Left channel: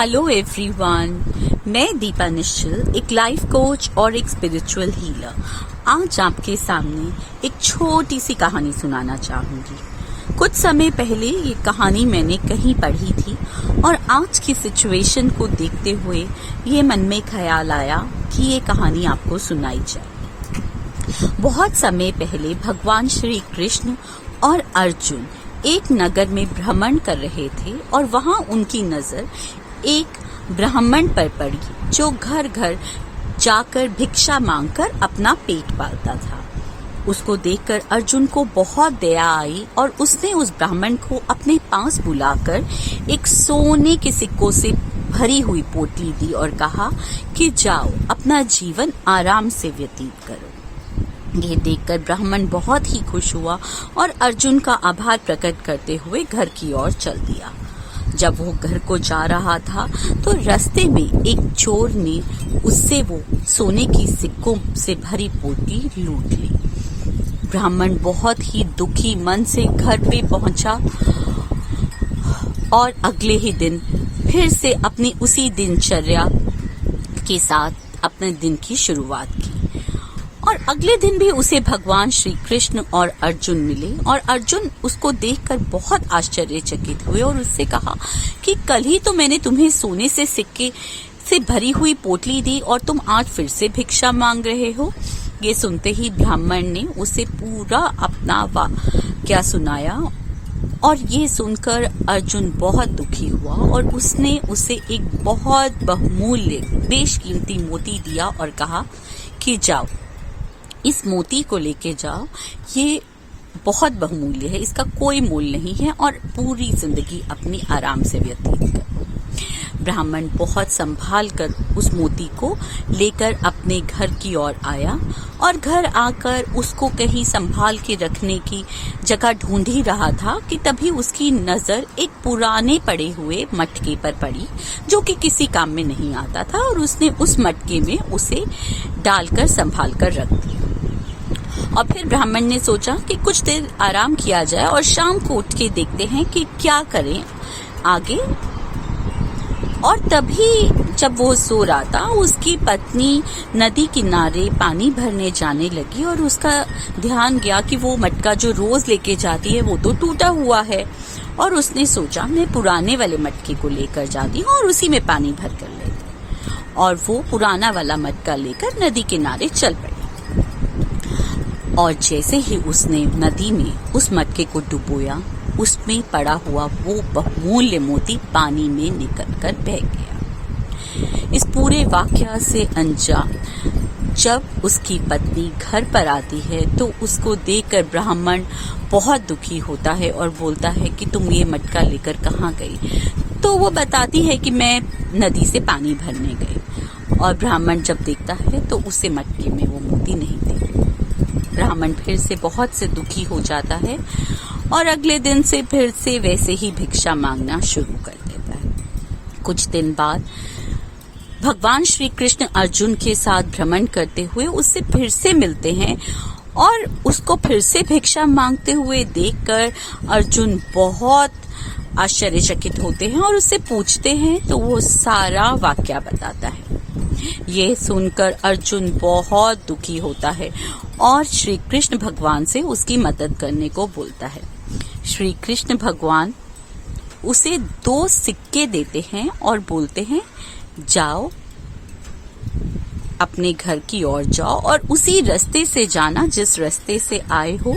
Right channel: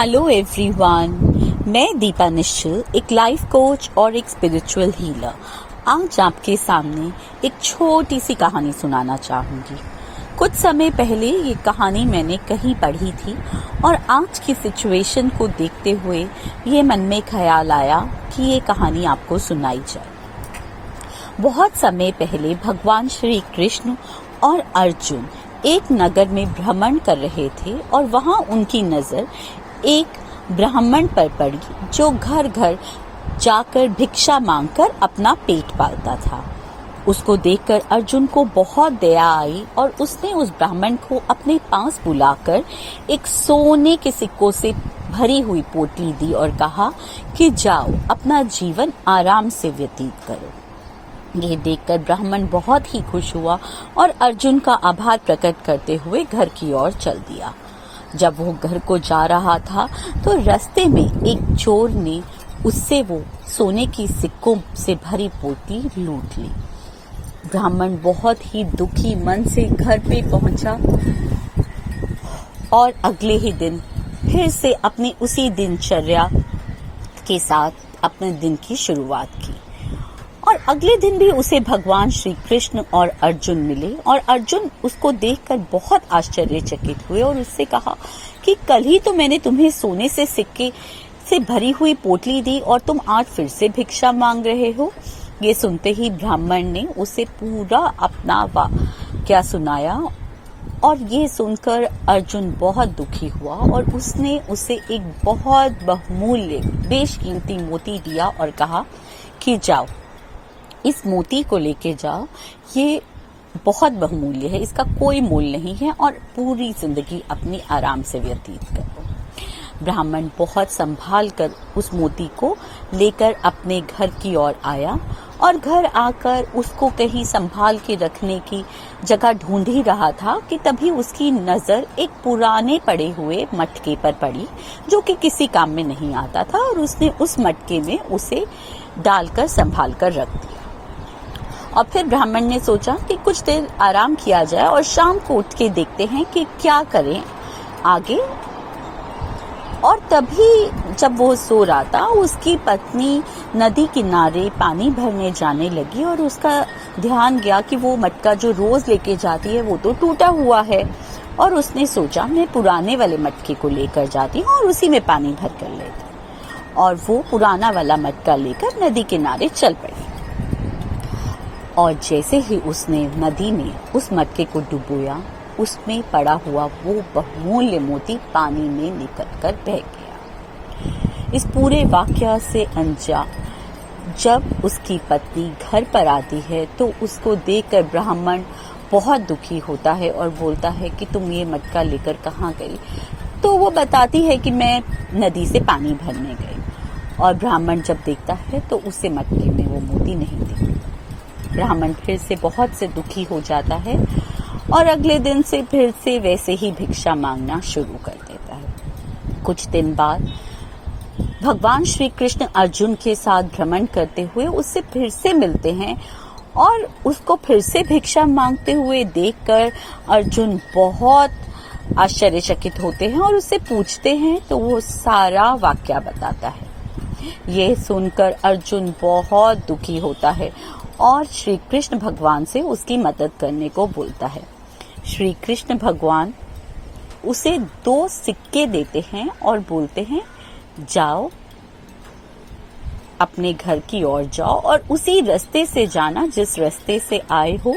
Hello everyone, मैं दीपा निश्चल, एक life coach और एक स्पिरिचुअल हीलर। आज आपके सामने एक छोटी सी कहानी सुनाना चाहूंगी। कुछ समय पहले ये कहानी मैंने कहीं पढ़ी थी और आज की सिचुएशन को देखते हुए ये मन में ख्याल आया कि ये कहानी आपको सुनाई जाए। बहुत समय पहले भगवान श्री कृष्ण और अर्जुन एक नगर में भ्रमण कर रहे थे और वहां उनकी नजर एक ब्राह्मण पर पड़ी जो घर घर जाकर भिक्षा मांगकर अपना पेट पालता था। उसको देखकर अर्जुन को बहुत दया आई और उसने उस ब्राह्मण को अपने पास बुलाकर एक सोने के सिक्कों से भरी हुई पोटली दी और कहा कि जाओ अपना जीवन आराम से व्यतीत करो। ये देखकर ब्राह्मण बहुत ही खुश हुआ और अर्जुन का आभार प्रकट करते हुए घर की ओर चल दिया। जब वो घर को जा रहा था तो रास्ते में एक चोर ने उससे वो सोने की सिक्कों से भरी पोटली लूट ली। ब्राह्मण बहुत ही दुखी मन से घर पे पहुंचा और अगले ही दिन फिर से अपनी उसी दिनचर्या के साथ अपने दिन की शुरुआत की। और अगले दिन भी उसे भगवान श्री कृष्ण और अर्जुन मिले और अर्जुन उसको देखकर बहुत आश्चर्यचकित हुए और उससे कहा कि कल ही तो मैंने तुम्हें सोने से सिक्के से भरी हुई पोटली दी और तुम आज फिर से भिक्षा मांग रहे हो। ये सुनते ही ब्राह्मण ने उसे पूरा अपना वाक्या सुनाया और ये सुनकर अर्जुन बहुत दुखी हुआ और उसने उसे एक बहुत बहुमूल्य बेशकीमती मोती दिया और कहा कि जाओ इस मोती को लेके जाओ, ये बहुत बहुमूल्य है, इसका कोई मोल नहीं है और पूरी जिंदगी अपनी आराम से व्यतीत करो। ब्राह्मण बहुत संभाल कर उस मोती को लेकर अपने घर की ओर आया और घर आकर उसको कहीं संभाल के रखने की जगह ढूंढ ही रहा था कि तभी उसकी नजर एक पुराने पड़े हुए मटके पर पड़ी जो कि किसी काम में नहीं आता था और उसने उस मटके में उसे डालकर संभाल कर रख दिया। और फिर ब्राह्मण ने सोचा कि कुछ देर आराम किया जाए और शाम को उठ के देखते हैं कि क्या करें आगे। और तभी जब वो सो रहा था उसकी पत्नी नदी किनारे पानी भरने जाने लगी और उसका ध्यान गया कि वो मटका जो रोज लेके जाती है वो तो टूटा हुआ है और उसने सोचा मैं पुराने वाले मटके को लेकर जाती हूँ और उसी में पानी भर कर लेती। और वो पुराना वाला मटका लेकर नदी किनारे चल पड़ी और जैसे ही उसने नदी में उस मटके को डुबोया उसमें पड़ा हुआ वो बहुमूल्य मोती पानी में निकलकर बह गया। इस पूरे वाकया से अनजान जब उसकी पत्नी घर पर आती है तो उसको देखकर ब्राह्मण बहुत दुखी होता है और बोलता है कि तुम ये मटका लेकर कहाँ गई। तो वो बताती है कि मैं नदी से पानी भरने गई। और ब्राह्मण जब देखता है तो उसे मटके में वो मोती नहीं दिखती। ब्राह्मण फिर से बहुत से दुखी हो जाता है और अगले दिन से फिर से वैसे ही भिक्षा मांगना शुरू कर देता है। कुछ दिन बाद भगवान श्री कृष्ण अर्जुन के साथ भ्रमण करते हुए उससे फिर से मिलते हैं और उसको फिर से भिक्षा मांगते हुए देखकर अर्जुन बहुत आश्चर्यचकित होते हैं और उससे पूछते हैं तो वो सारा वाकया बताता है। ये सुनकर अर्जुन बहुत दुखी होता है और श्री कृष्ण भगवान से उसकी मदद करने को बोलता है। श्री कृष्ण भगवान उसे 2 सिक्के देते हैं और बोलते हैं जाओ अपने घर की ओर जाओ और उसी रास्ते से जाना जिस रास्ते से आए हो,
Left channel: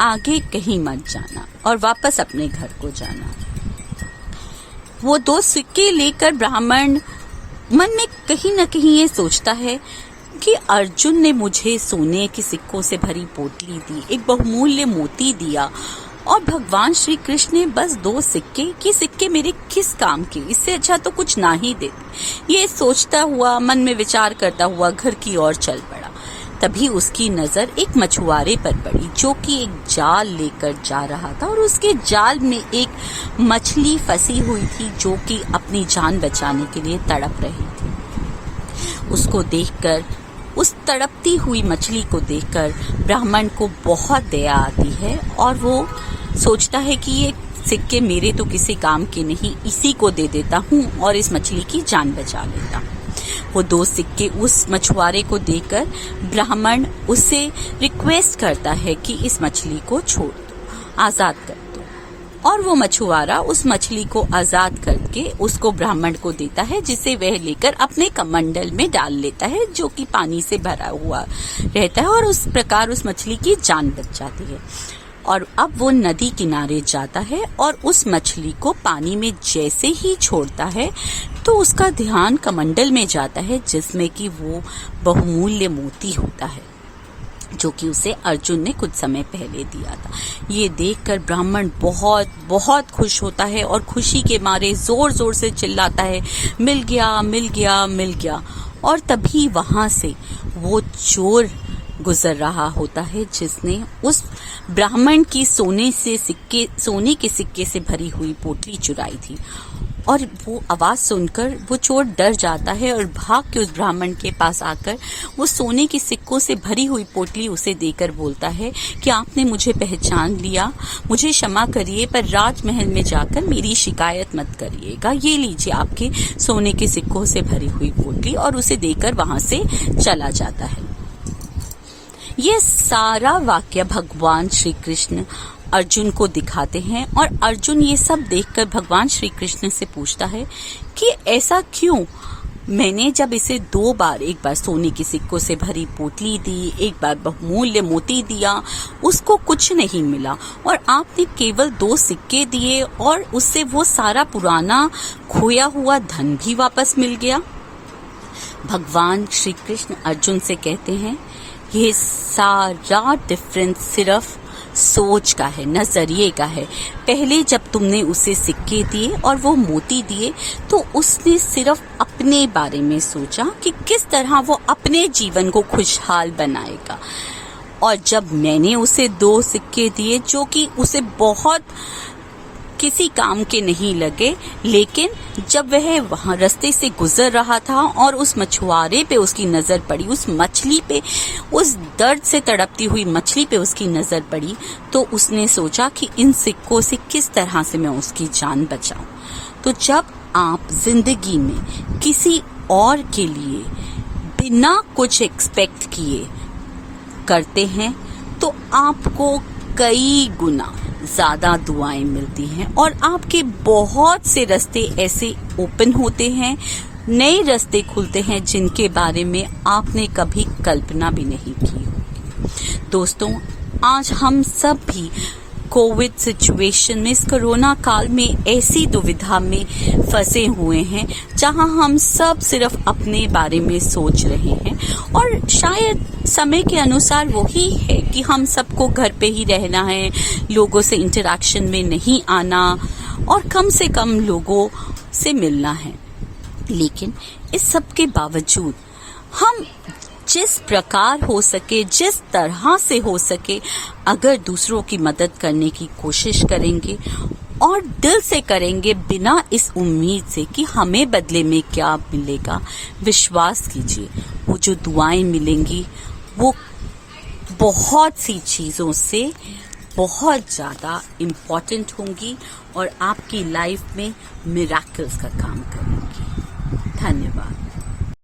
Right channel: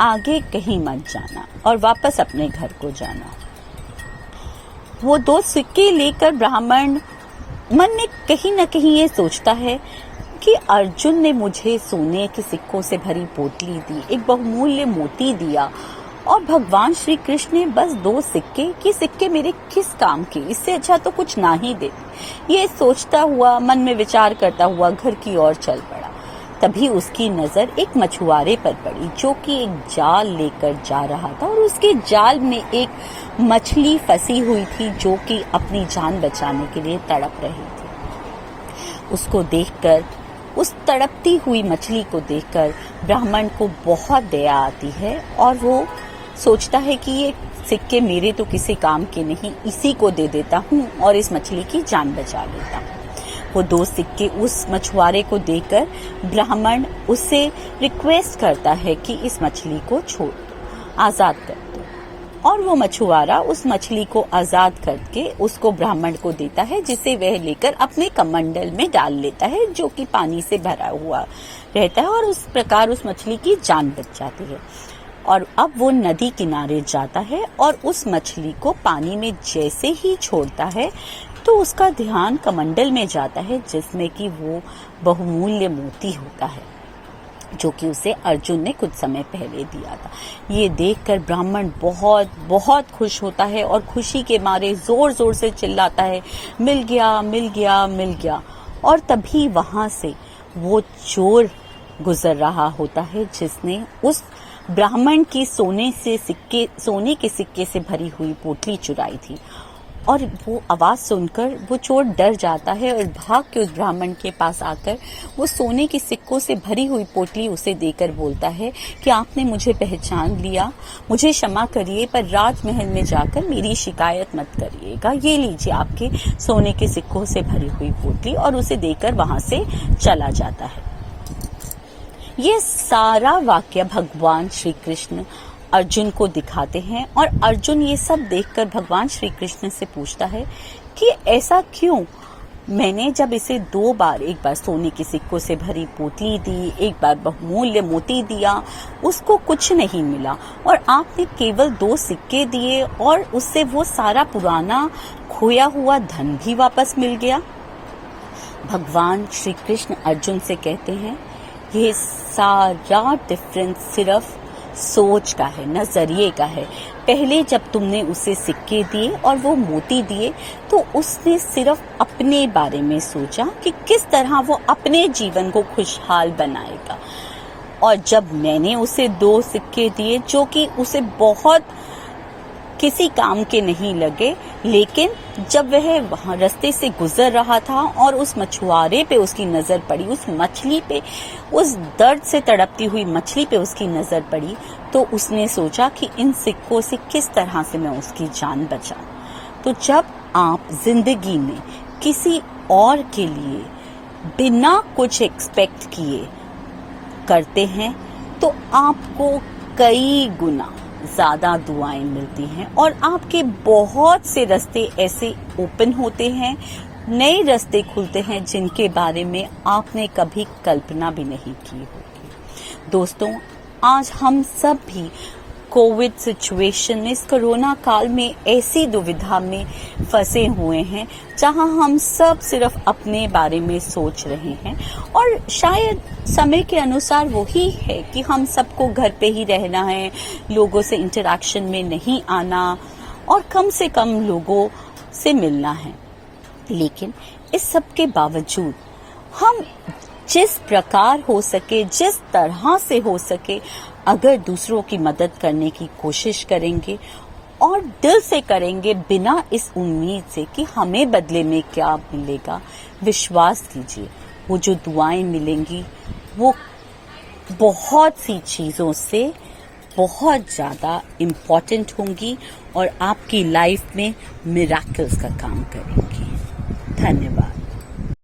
आगे कहीं मत जाना और वापस अपने घर को जाना। वो 2 सिक्के लेकर ब्राह्मण मन में कहीं न कहीं ये सोचता है कि अर्जुन ने मुझे सोने के सिक्कों से भरी पोटली दी, एक बहुमूल्य मोती दिया और भगवान श्री कृष्ण ने बस 2 सिक्के मेरे किस काम के, इससे अच्छा तो कुछ ना ही देते। ये सोचता हुआ मन में विचार करता हुआ घर की ओर चल पड़ा। तभी उसकी नजर एक मछुआरे पर पड़ी जो कि एक जाल लेकर जा रहा था और उसके जाल में एक मछली फंसी हुई थी जो कि अपनी जान बचाने के लिए तड़प रही थी। उसको देखकर, उस तड़पती हुई मछली को देखकर ब्राह्मण को बहुत दया आती है और वो सोचता है कि ये सिक्के मेरे तो किसी काम के नहीं, इसी को दे देता हूँ और इस मछली की जान बचा लेता हूँ। वो 2 सिक्के उस मछुआरे को देकर ब्राह्मण उससे रिक्वेस्ट करता है कि इस मछली को छोड़ दो, आजाद कर दो। और वो मछुआरा उस मछली को आजाद करके उसको ब्राह्मण को देता है, जिसे वह लेकर अपने कमंडल में डाल लेता है, जो कि पानी से भरा हुआ रहता है, और उस प्रकार उस मछली की जान बच जाती है। और अब वो नदी किनारे जाता है और उस मछली को पानी में जैसे ही छोड़ता है तो उसका ध्यान कमंडल में जाता है, जिसमें कि वो बहुमूल्य मोती होता है, जो कि उसे अर्जुन ने कुछ समय पहले दिया था। ये देखकर ब्राह्मण बहुत बहुत खुश होता है और खुशी के मारे जोर जोर से चिल्लाता है, मिल गया, मिल गया, मिल गया। और तभी वहां से वो चोर गुजर रहा होता है, जिसने उस ब्राह्मण की सोने के सिक्के से भरी हुई पोटली चुराई थी। और वो आवाज सुनकर वो चोर डर जाता है और भाग के उस ब्राह्मण के पास आकर वो सोने के सिक्कों से भरी हुई पोटली उसे देकर बोलता है कि आपने मुझे पहचान लिया, मुझे क्षमा करिए, पर राजमहल में जाकर मेरी शिकायत मत करिएगा। ये लीजिए आपके सोने के सिक्कों से भरी हुई पोटली, और उसे देकर वहां से चला जाता है। ये सारा वाक्य भगवान श्री कृष्ण अर्जुन को दिखाते हैं, और अर्जुन ये सब देखकर भगवान श्री कृष्ण से पूछता है कि ऐसा क्यों? मैंने जब इसे 2 बार, एक बार सोने के सिक्कों से भरी पोटली दी, एक बार बहुमूल्य मोती दिया, उसको कुछ नहीं मिला, और आपने केवल 2 सिक्के दिए और उससे वो सारा पुराना खोया हुआ धन भी वापस मिल गया। भगवान श्री कृष्ण अर्जुन से कहते हैं, ये सारा डिफरेंस सिर्फ सोच का है, नजरिए का है। पहले जब तुमने उसे सिक्के दिए और वो मोती दिए तो उसने सिर्फ अपने बारे में सोचा कि किस तरह वो अपने जीवन को खुशहाल बनाएगा। और जब मैंने उसे 2 सिक्के दिए जो कि उसे बहुत किसी काम के नहीं लगे, लेकिन जब वह वहां रास्ते से गुजर रहा था और उस मछुआरे पे उसकी नजर पड़ी, उस मछली पे, उस दर्द से तड़पती हुई मछली पे उसकी नजर पड़ी, तो उसने सोचा कि इन सिक्कों से किस तरह से मैं उसकी जान बचाऊं। तो जब आप जिंदगी में किसी और के लिए बिना कुछ एक्सपेक्ट किए करते हैं तो आपको कई गुना ज्यादा दुआएं मिलती हैं, और आपके बहुत से रास्ते ऐसे ओपन होते हैं, नए रास्ते खुलते हैं जिनके बारे में आपने कभी कल्पना भी नहीं की होगी। दोस्तों, आज हम सब भी कोविड सिचुएशन में, इस कोरोना काल में ऐसी दुविधा में फंसे हुए हैं जहां हम सब सिर्फ अपने बारे में सोच रहे हैं, और शायद समय के अनुसार वही है कि हम सबको घर पे ही रहना है, लोगों से इंटरेक्शन में नहीं आना और कम से कम लोगों से मिलना है। लेकिन इस सब के बावजूद हम जिस प्रकार हो सके, जिस तरह से हो सके, अगर दूसरों की मदद करने की कोशिश करेंगे और दिल से करेंगे, बिना इस उम्मीद से कि हमें बदले में क्या मिलेगा, विश्वास कीजिए वो जो दुआएं मिलेंगी वो बहुत सी चीज़ों से बहुत ज़्यादा इम्पोर्टेंट होंगी और आपकी लाइफ में मिरेकल्स का काम करेंगी। धन्यवाद।